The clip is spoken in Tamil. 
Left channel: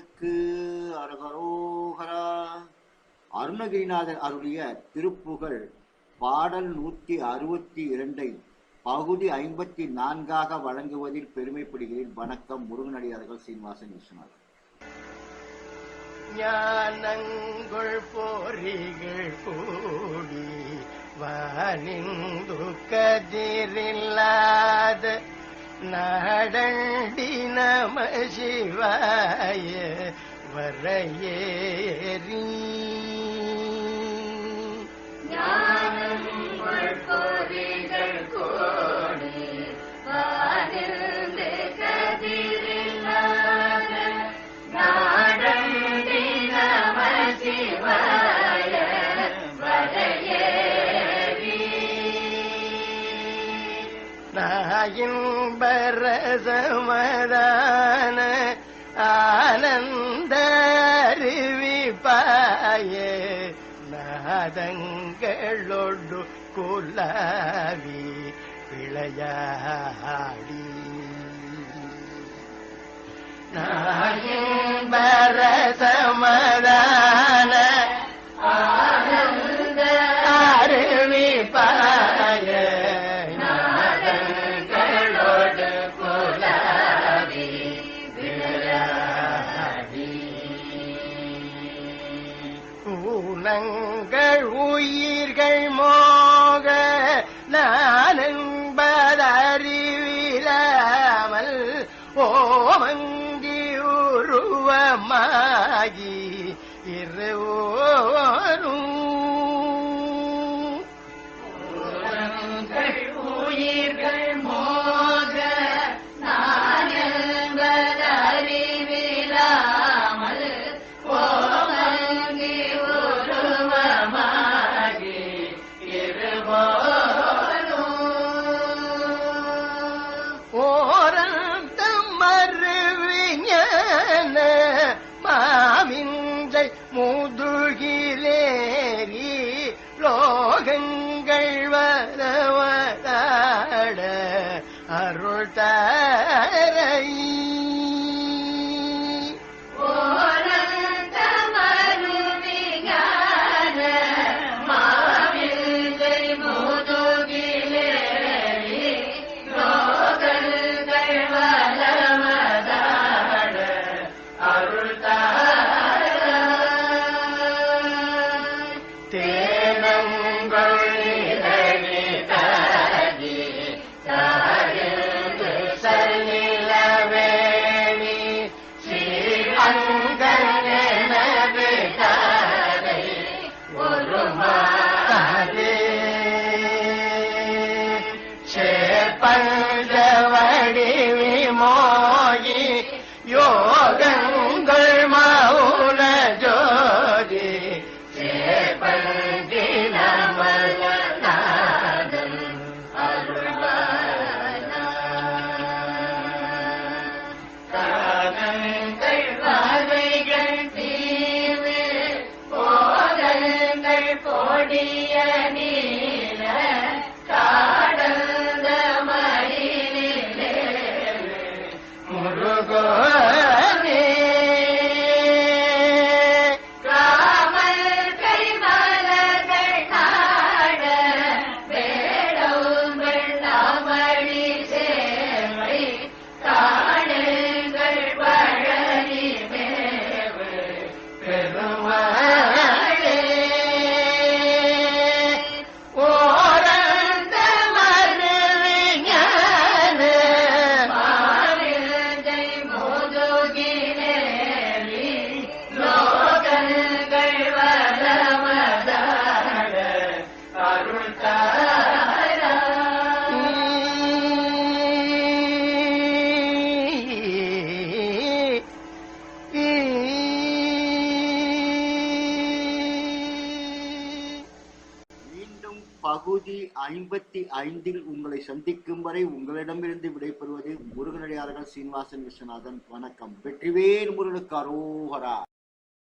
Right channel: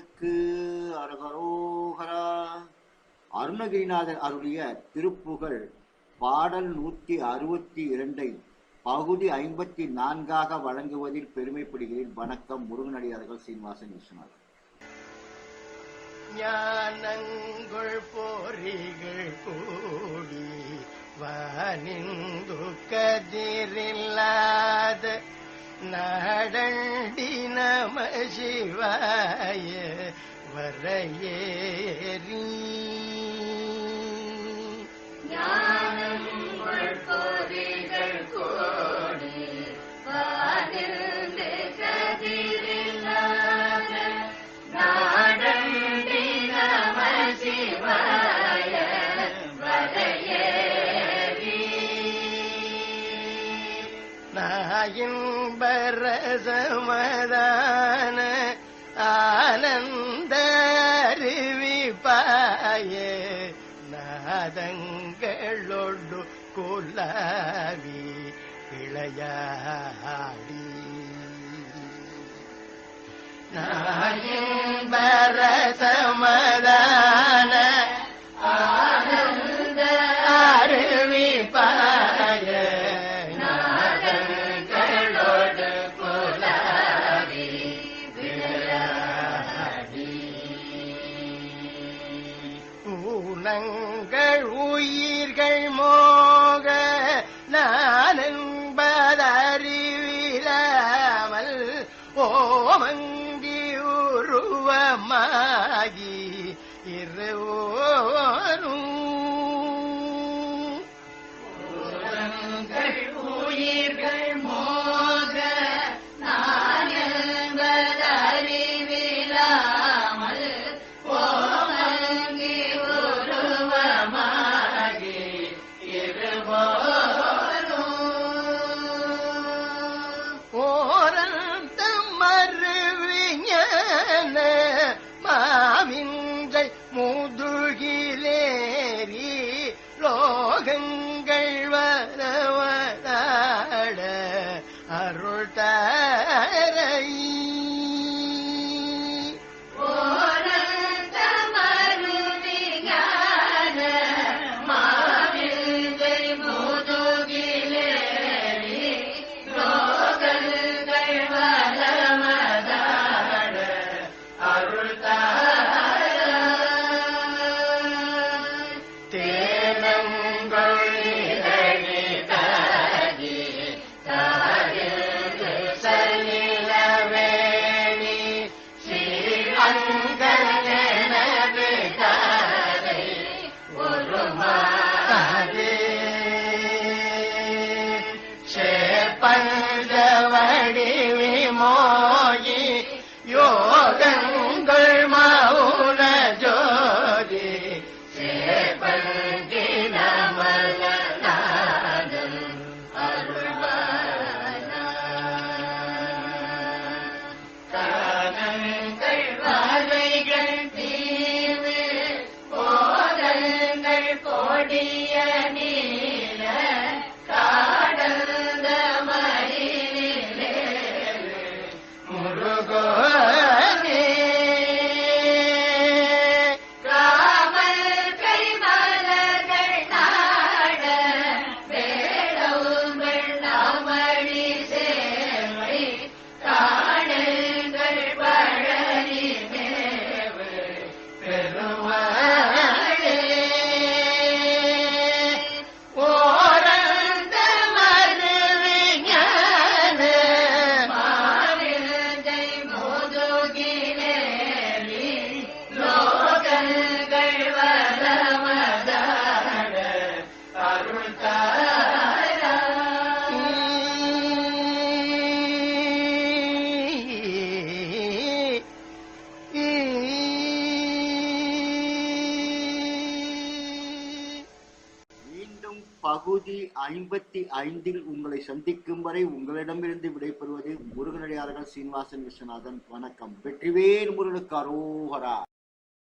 முருகனுக்கு அரகரோகரா. அருணகிரிநாதர் அருளிய திருப்புகழ் பாடல் நூற்றி அறுபத்தி இரண்டை பகுதி ஐம்பத்தி நான்காக வழங்குவதில் பெருமைப்படுகிறேன். வணக்கம் முருகனடியார்கள் சீனிவாசன் விஸ்வநாதன் ஞானங்கள் போரிகள் கூடி வானிந்து கதிரில்லாத நாடண்டி நம சிவாய வரையேறி நாயின்பரசமதான பரதமதான நாதங்களொடு குலாவி விளையாடி நாயின்பரசமதான நானென்பதறிவிலாமல் ஓமங்கி உருவமாகி இருவோரும் மறுவிஞான மாவிங்கை லோகங்கள் வரவகாட அருள் கொடிய நீல காடந்த மயிலே முருகோவே ராமன் பகுதி ஐம்பத்தி ஐந்தில் உங்களை சந்திக்கும் வரை உங்களிடமிருந்து விடைபெறுவது முருகனடியார்கள் சீனிவாசன் விஸ்வநாதன். வணக்கம். வெற்றிவேல் முருகனுக்கு அரோகரா.